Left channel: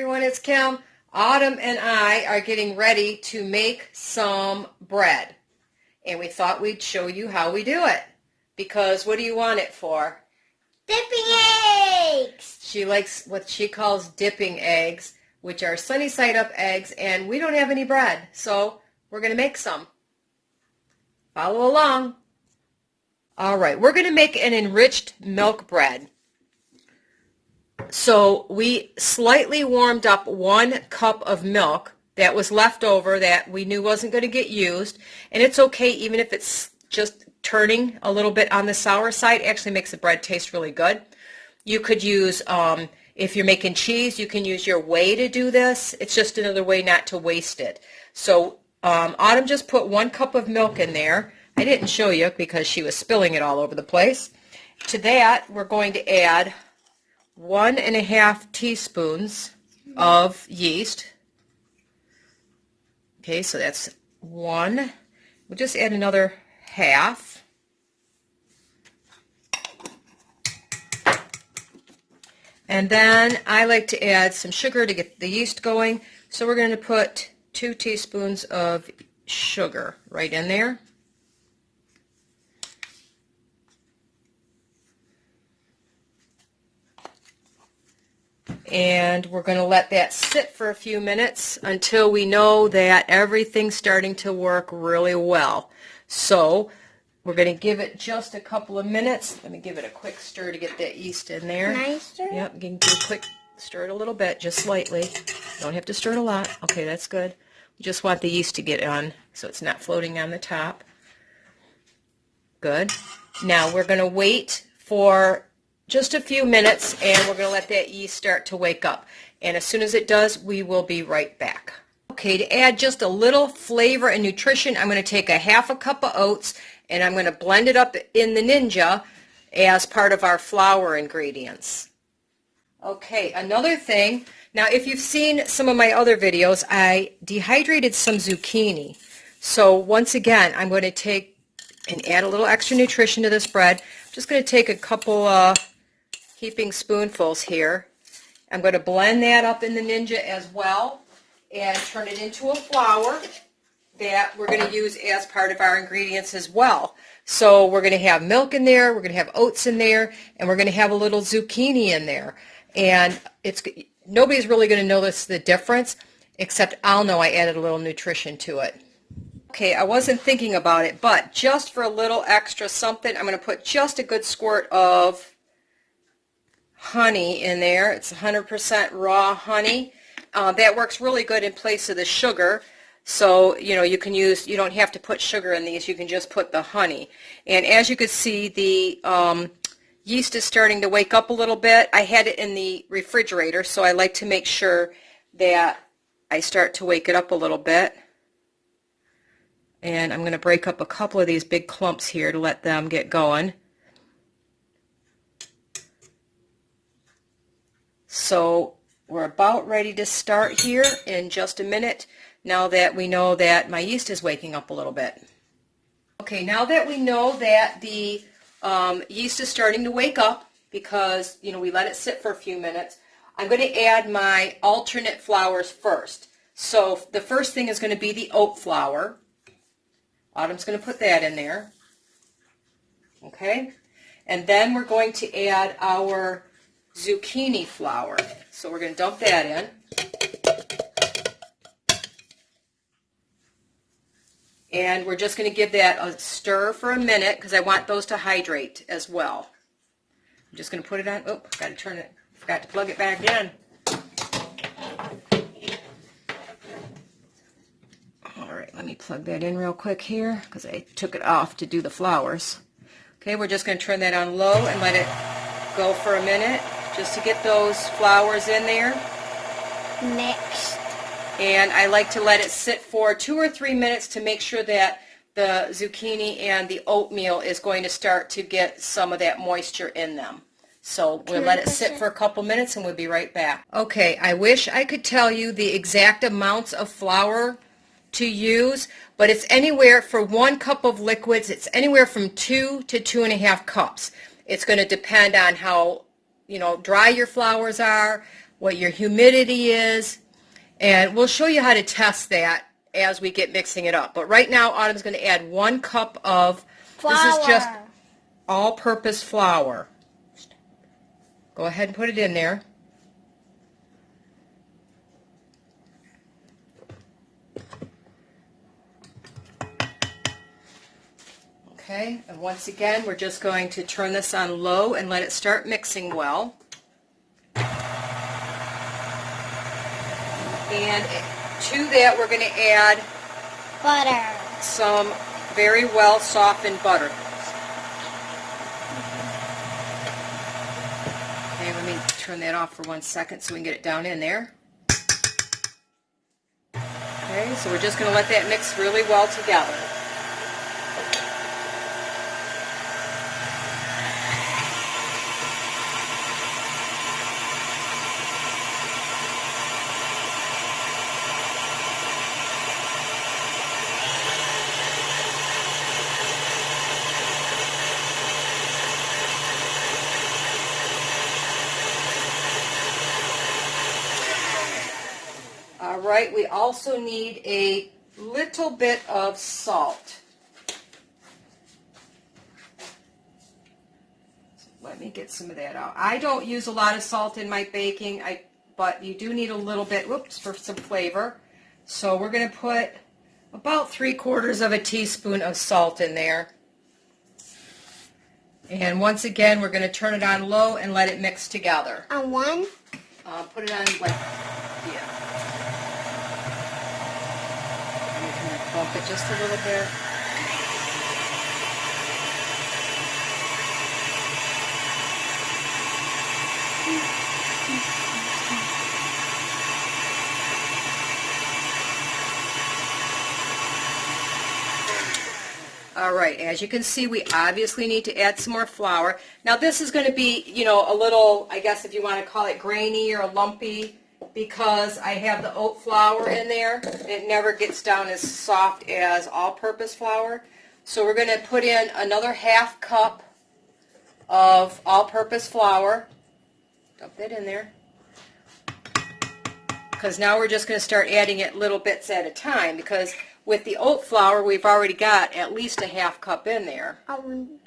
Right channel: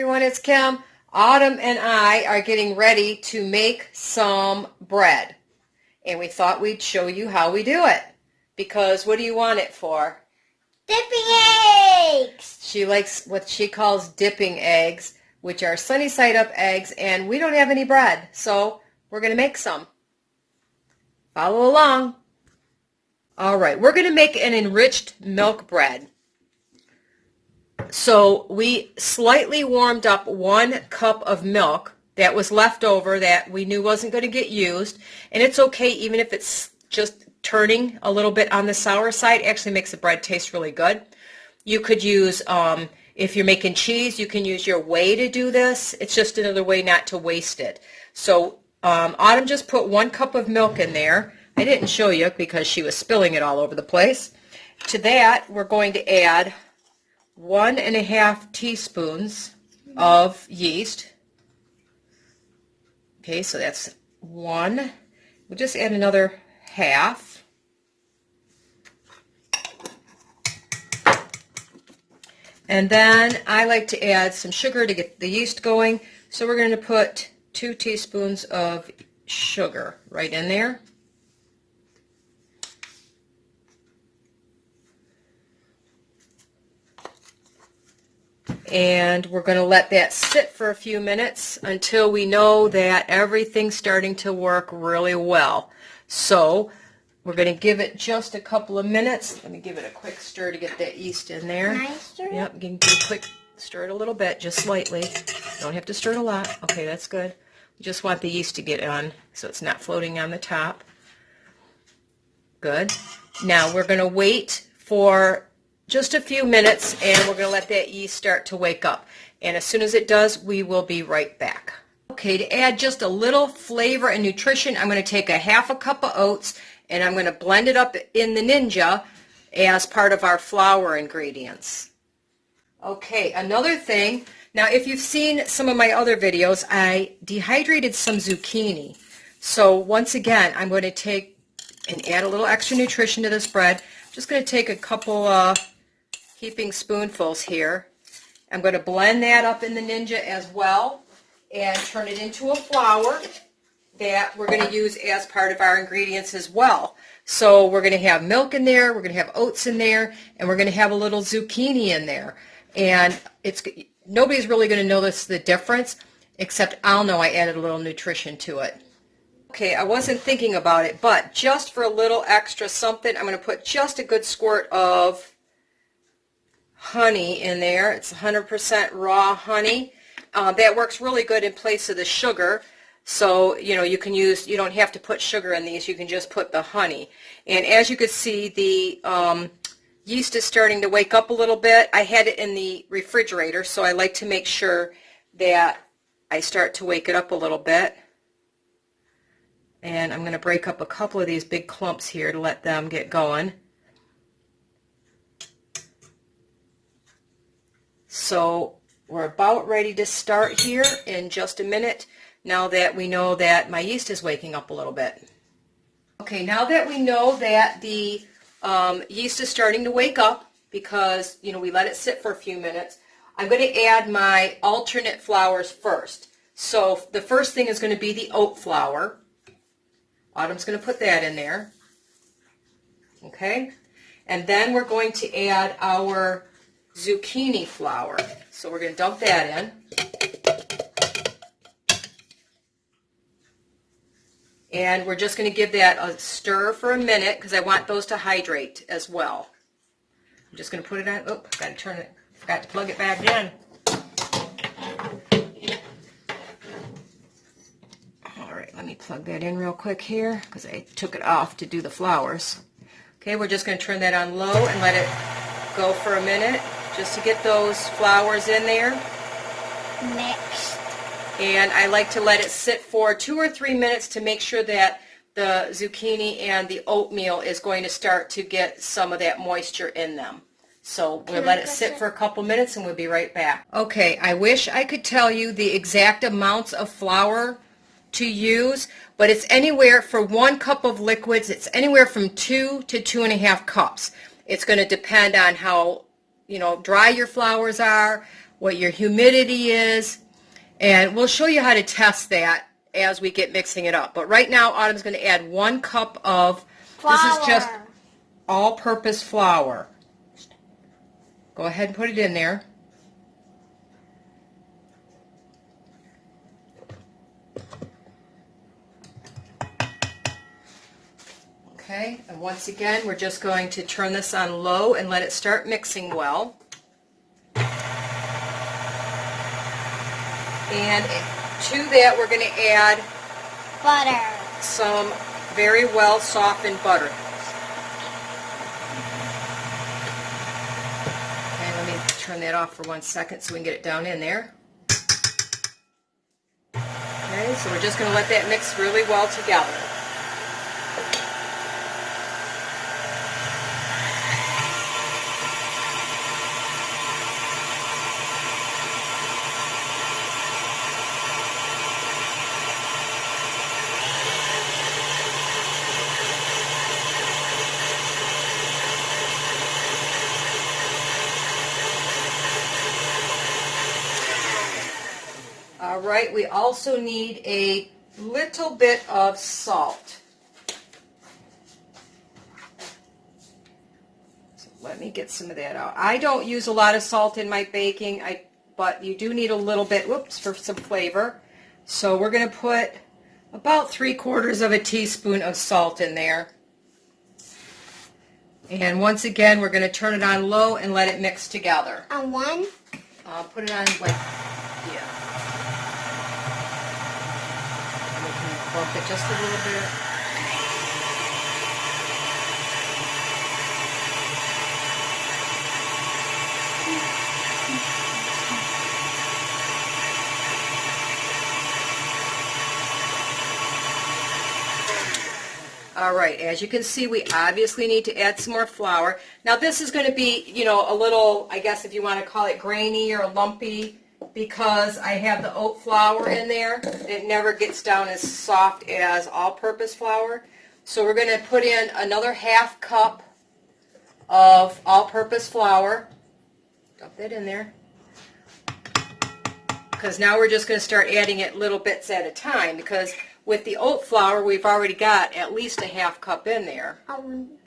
Everyone, it's Kim. Autumn and I are getting ready to make some bread. And we thought we'd show you how we do it. Because what do you want it for? Dipping eggs! She likes what she calls dipping eggs, which are sunny side up eggs, and we don't have any bread. So we're going to make some. Follow along. All right, we're going to make an enriched milk bread. So we slightly warmed up 1 cup of milk that was left over that we knew wasn't going to get used. And it's okay even if it's just turning a little bit on the sour side. It actually makes the bread taste really good. You could use, if you're making cheese, you can use your whey to do this. It's just another way not to waste it. So Autumn just put 1 cup of milk in there. I didn't show you because she was spilling it all over the place. To that, we're going to add 1½ teaspoons of yeast. Okay, so that's 1. We'll just add another half. And then I like to add some sugar to get the yeast going. So we're going to put 2 teaspoons of sugar right in there. And we're going to let that sit for a few minutes until we know that everything's starting to work really well. So we're going to give it just a couple of minutes. Let me give it a quick stir to get that yeast in there. Can I stir? Yep, you can do a quick stir it a little bit, just slightly. Don't have to stir it a lot. Okay, that's good. We just want the yeast to get on so it's not floating on the top. Good. Now we're going to wait for just a few minutes, and we're going to let that yeast start to wake up. And as soon as it does, we will be right back. Okay, to add just a little flavor and nutrition, I'm going to take a ½ cup of oats, and I'm going to blend it up in the Ninja as part of our flour ingredients. Okay, another thing. Now, if you've seen some of my other videos, I dehydrated some zucchini. So once again, I'm going to take and add a little extra nutrition to this bread. I'm just going to take a couple heaping spoonfuls here. I'm going to blend that up in the Ninja as well and turn it into a flour that we're going to use as part of our ingredients as well. So we're going to have milk in there, we're going to have oats in there, and we're going to have a little zucchini in there. And nobody's really going to notice the difference, except I'll know I added a little nutrition to it. Okay, I wasn't thinking about it, but just for a little extra something, I'm going to put just a good squirt of honey in there. It's 100% raw honey. That works really good in place of the sugar. So, you don't have to put sugar in these. You can just put the honey. And as you can see, the yeast is starting to wake up a little bit. I had it in the refrigerator, so I like to make sure that I start to wake it up a little bit. And I'm going to break up a couple of these big clumps here to let them get going. So we're about ready to start here in just a minute, now that we know that my yeast is waking up a little bit. Okay, now that we know that the yeast is starting to wake up, because we let it sit for a few minutes, I'm going to add my alternate flours first. So the first thing is going to be the oat flour. Autumn's going to put that in there. Okay, and then we're going to add our zucchini flour. So we're going to dump that in. And we're just going to give that a stir for a minute because I want those to hydrate as well. I'm just going to put it on. Oh, got to turn it. Forgot to plug it back in. All right, let me plug that in real quick here because I took it off to do the flours. Okay, we're just going to turn that on low and let it go for a minute, just to get those flours in there. Mixed. And I like to let it sit for 2 or 3 minutes to make sure that the zucchini and the oatmeal is going to start to get some of that moisture in them. So we'll let it sit for a couple minutes and we'll be right back. Okay, I wish I could tell you the exact amounts of flour to use, but it's anywhere for 1 cup of liquids, it's anywhere from 2 to 2½ cups. It's going to depend on how dry your flours are, what your humidity is, and we'll show you how to test that as we get mixing it up. But right now, Autumn's going to add 1 cup of, Flour. this is just all-purpose flour. Go ahead and put it in there. Okay, and once again, we're just going to turn this on low and let it start mixing well. And to that, we're going to add Butter. some very well softened butter. Okay, let me turn that off for 1 second so we can get it down in there. Okay, so we're just going to let that mix really well together. All right, we also need a little bit of salt. So let me get some of that out. I don't use a lot of salt in my baking, but you do need a little bit, whoops, for some flavor. So we're going to put about 3/4 of a teaspoon of salt in there. And once again, we're going to turn it on low and let it mix together. On 1? Put it on like, yeah. Bump it just a little bit. All right, as you can see, we obviously need to add some more flour. Now this is going to be, you know, a little, I guess if you want to call it grainy or lumpy, because I have the oat flour in there. It never gets down as soft as all-purpose flour. So we're going to put in another 1/2 cup of all-purpose flour. Dump that in there. Because now we're just going to start adding it little bits at a time, because with the oat flour, we've already got at least a 1/2 cup in there.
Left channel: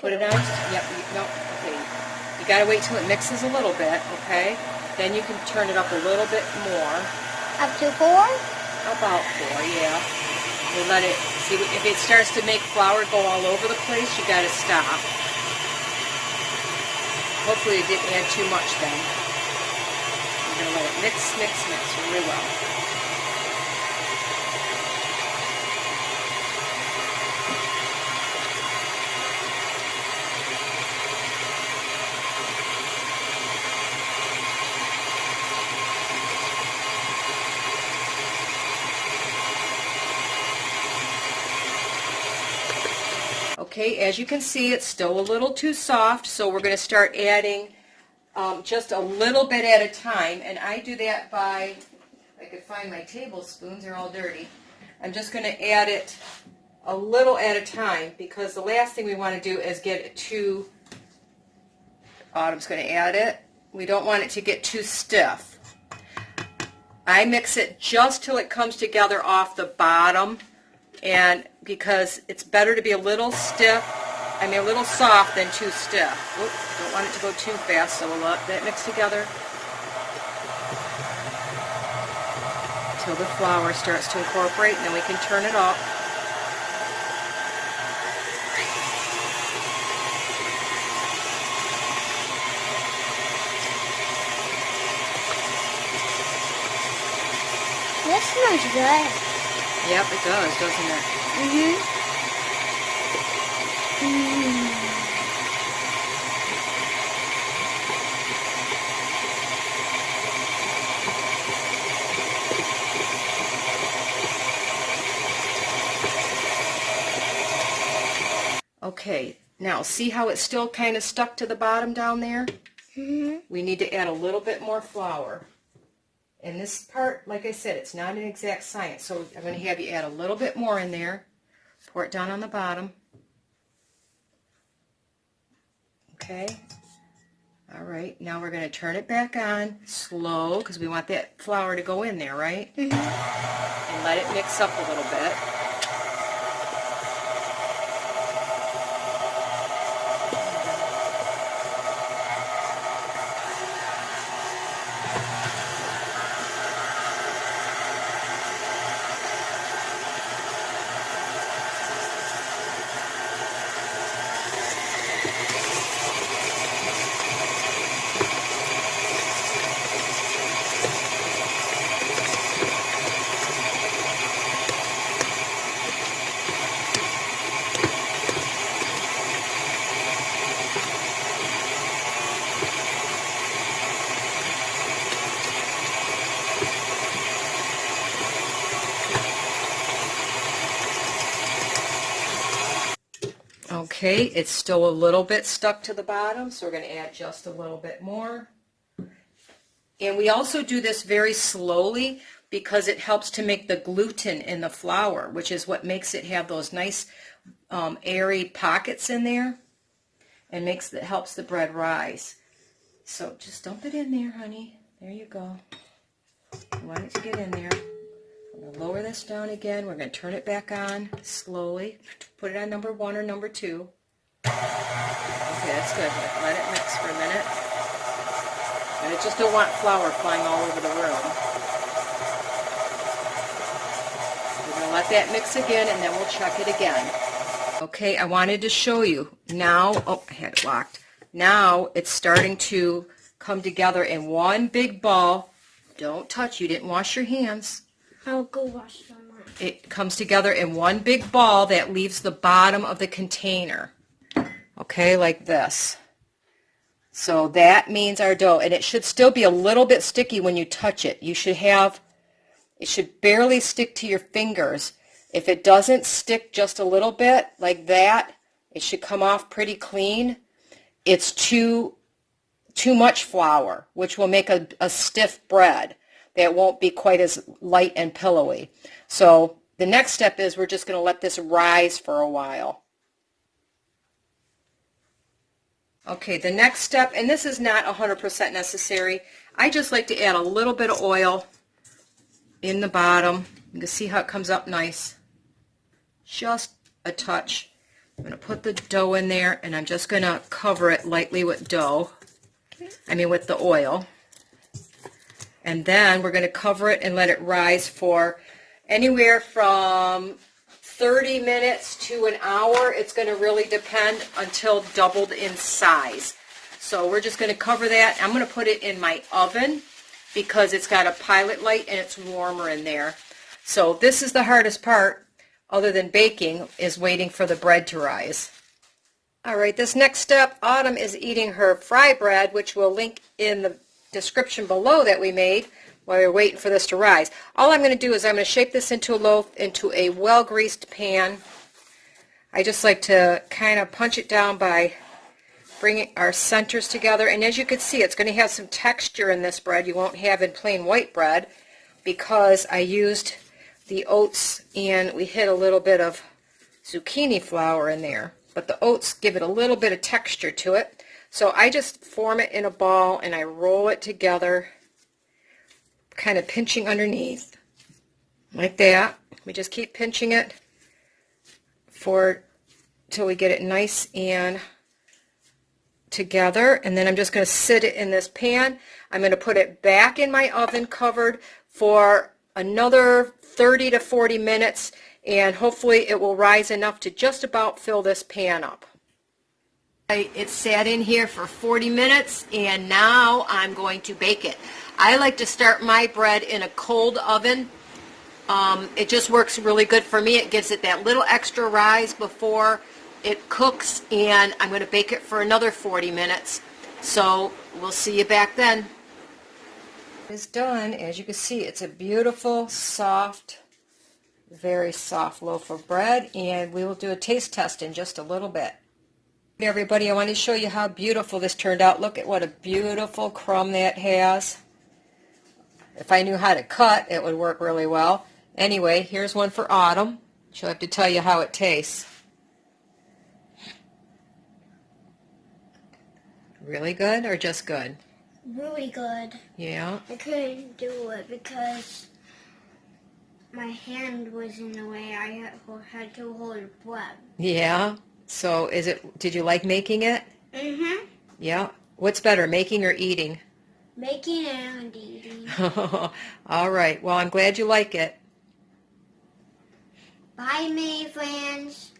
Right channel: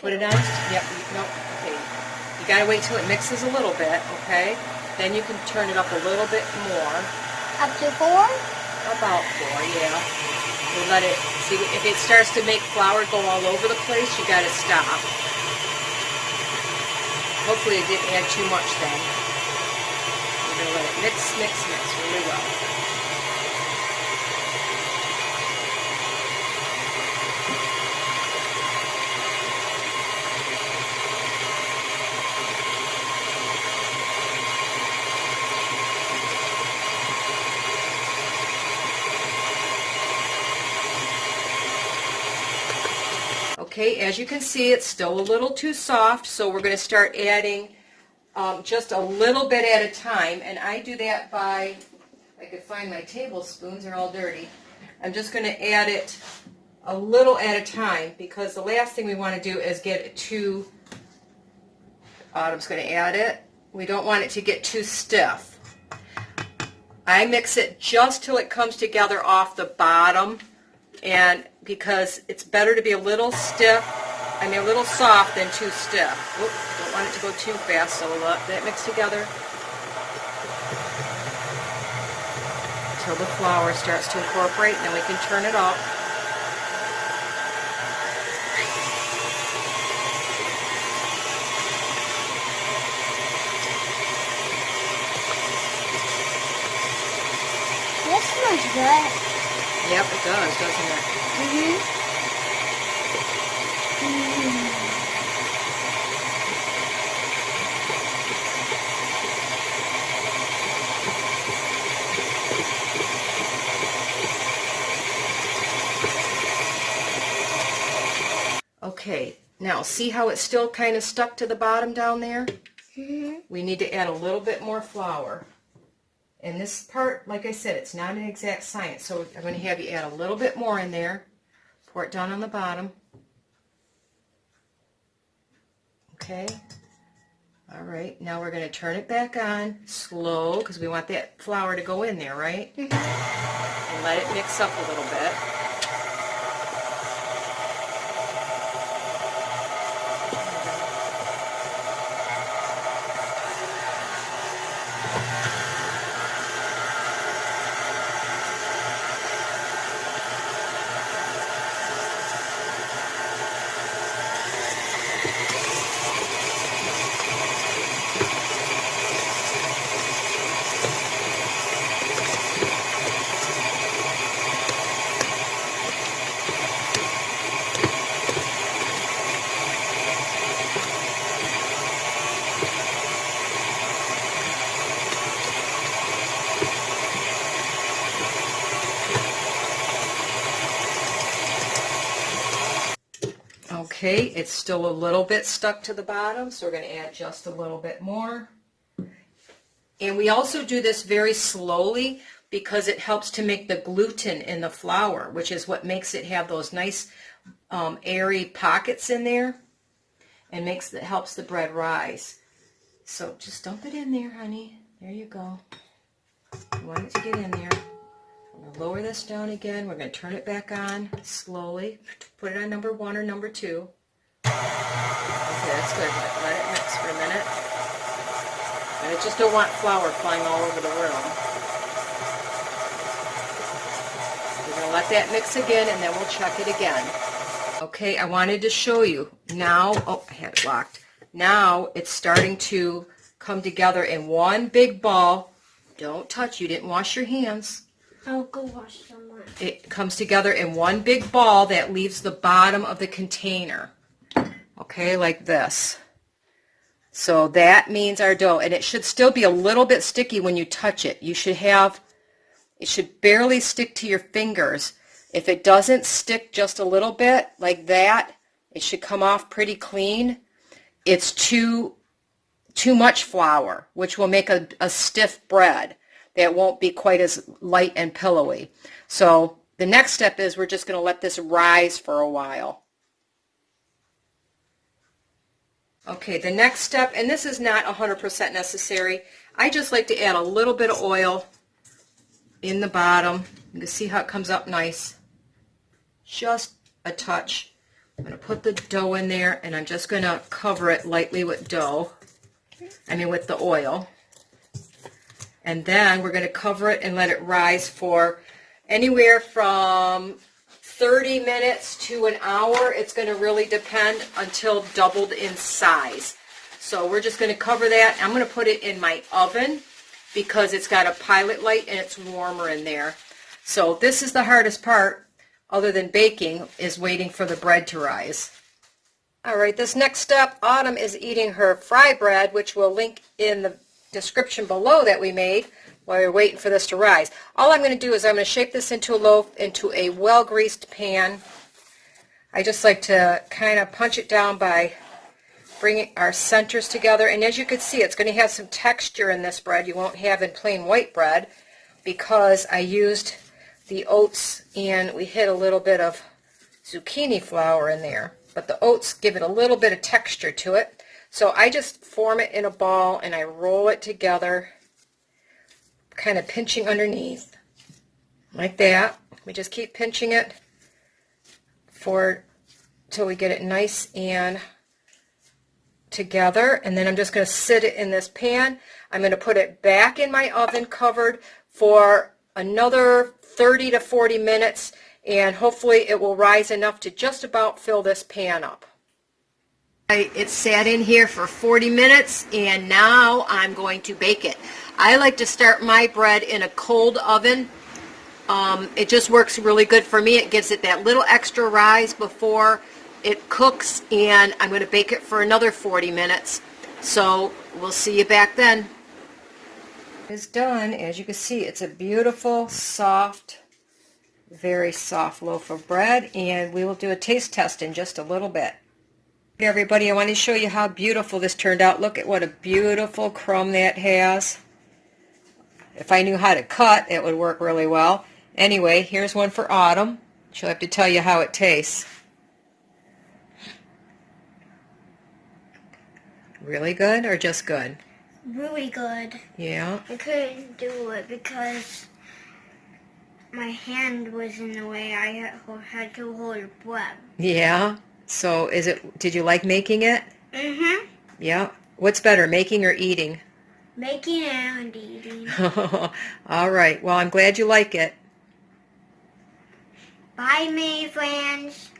Put it on? Yep. No, okay. You got to wait till it mixes a little bit, okay? Then you can turn it up a little bit more. Up to 4? About 4, yeah. And let it, see, if it starts to make flour go all over the place, you got to stop. Hopefully it didn't add too much then. You're going to let it mix really well. Okay, as you can see, it's still a little too soft, so we're going to start adding just a little bit at a time, and I do that by, I could find my tablespoons, they're all dirty. I'm just going to add it a little at a time, because the last thing we want to do is get it too, Autumn's going to add it, we don't want it to get too stiff. I mix it just till it comes together off the bottom, and because it's better to be a little stiff, a little soft than too stiff. Oops, don't want it to go too fast, so we'll let it mix together until the flour starts to incorporate, and then we can turn it up. This smells good. Yep, it does, doesn't it? Mm-hmm. Okay, now see how it's still kind of stuck to the bottom down there? Mm-hmm. We need to add a little bit more flour. And this part, like I said, it's not an exact science, so I'm going to have you add a little bit more in there. Pour it down on the bottom. Okay. All right, now we're going to turn it back on slow because we want that flour to go in there, right? And let it mix up a little bit. Okay, it's still a little bit stuck to the bottom, so we're going to add just a little bit more. And we also do this very slowly because it helps to make the gluten in the flour, which is what makes it have those nice airy pockets in there and helps the bread rise. So just dump it in there, honey. There you go. You want it to get in there. I'm going to lower this down again. We're going to turn it back on slowly. Put it on number 1 or number 2. Okay, that's good. Let it mix for a minute. And I just don't want flour flying all over the room. We're going to let that mix again, and then we'll check it again. Okay, I wanted to show you. Now, oh, I had it locked. Now it's starting to come together in one big ball. Don't touch. You didn't wash your hands. I'll go wash them. It comes together in one big ball that leaves the bottom of the container. Okay, like this. So that means our dough, and it should still be a little bit sticky when you touch it. It should barely stick to your fingers. If it doesn't stick just a little bit like that, it should come off pretty clean. It's too much flour, which will make a stiff bread that won't be quite as light and pillowy. So the next step is we're just going to let this rise for a while. Okay, the next step, and this is not 100% necessary, I just like to add a little bit of oil in the bottom. You can see how it comes up nice. Just a touch. I'm going to put the dough in there, and I'm just going to cover it lightly with with the oil. And then we're going to cover it and let it rise for anywhere from 30 minutes to an hour. It's going to really depend until doubled in size. So we're just going to cover that. I'm going to put it in my oven because it's got a pilot light and it's warmer in there. So this is the hardest part, other than baking, is waiting for the bread to rise. All right, this next step, Autumn is eating her fry bread, which we'll link in the description below that we made while we're waiting for this to rise. All I'm going to do is I'm going to shape this into a loaf into a well-greased pan. I just like to kind of punch it down by bringing our centers together. And as you can see, it's going to have some texture in this bread you won't have in plain white bread because I used the oats and we hit a little bit of zucchini flour in there. But the oats give it a little bit of texture to it. So I just form it in a ball and I roll it together, kind of pinching underneath, like that. We just keep pinching it till we get it nice and together. And then I'm just going to sit it in this pan. I'm going to put it back in my oven covered for another 30 to 40 minutes, and hopefully it will rise enough to just about fill this pan up. It sat in here for 40 minutes, and now I'm going to bake it. I like to start my bread in a cold oven. It just works really good for me. It gives it that little extra rise before it cooks, and I'm going to bake it for another 40 minutes. So we'll see you back then. It's done. As you can see, it's a beautiful, soft, very soft loaf of bread, and we will do a taste test in just a little bit. Hey everybody, I want to show you how beautiful this turned out. Look at what a beautiful crumb that has. If I knew how to cut, it would work really well. Anyway, here's one for Autumn. She'll have to tell you how it tastes. Really good or just good? Really good. Yeah. I couldn't do it because my hand was in the way. I had to hold breath. Yeah. So did you like making it? Mm-hmm. Yeah. What's better, making or eating? Making and eating. All right. Well, I'm glad you like it. Bye, May friends.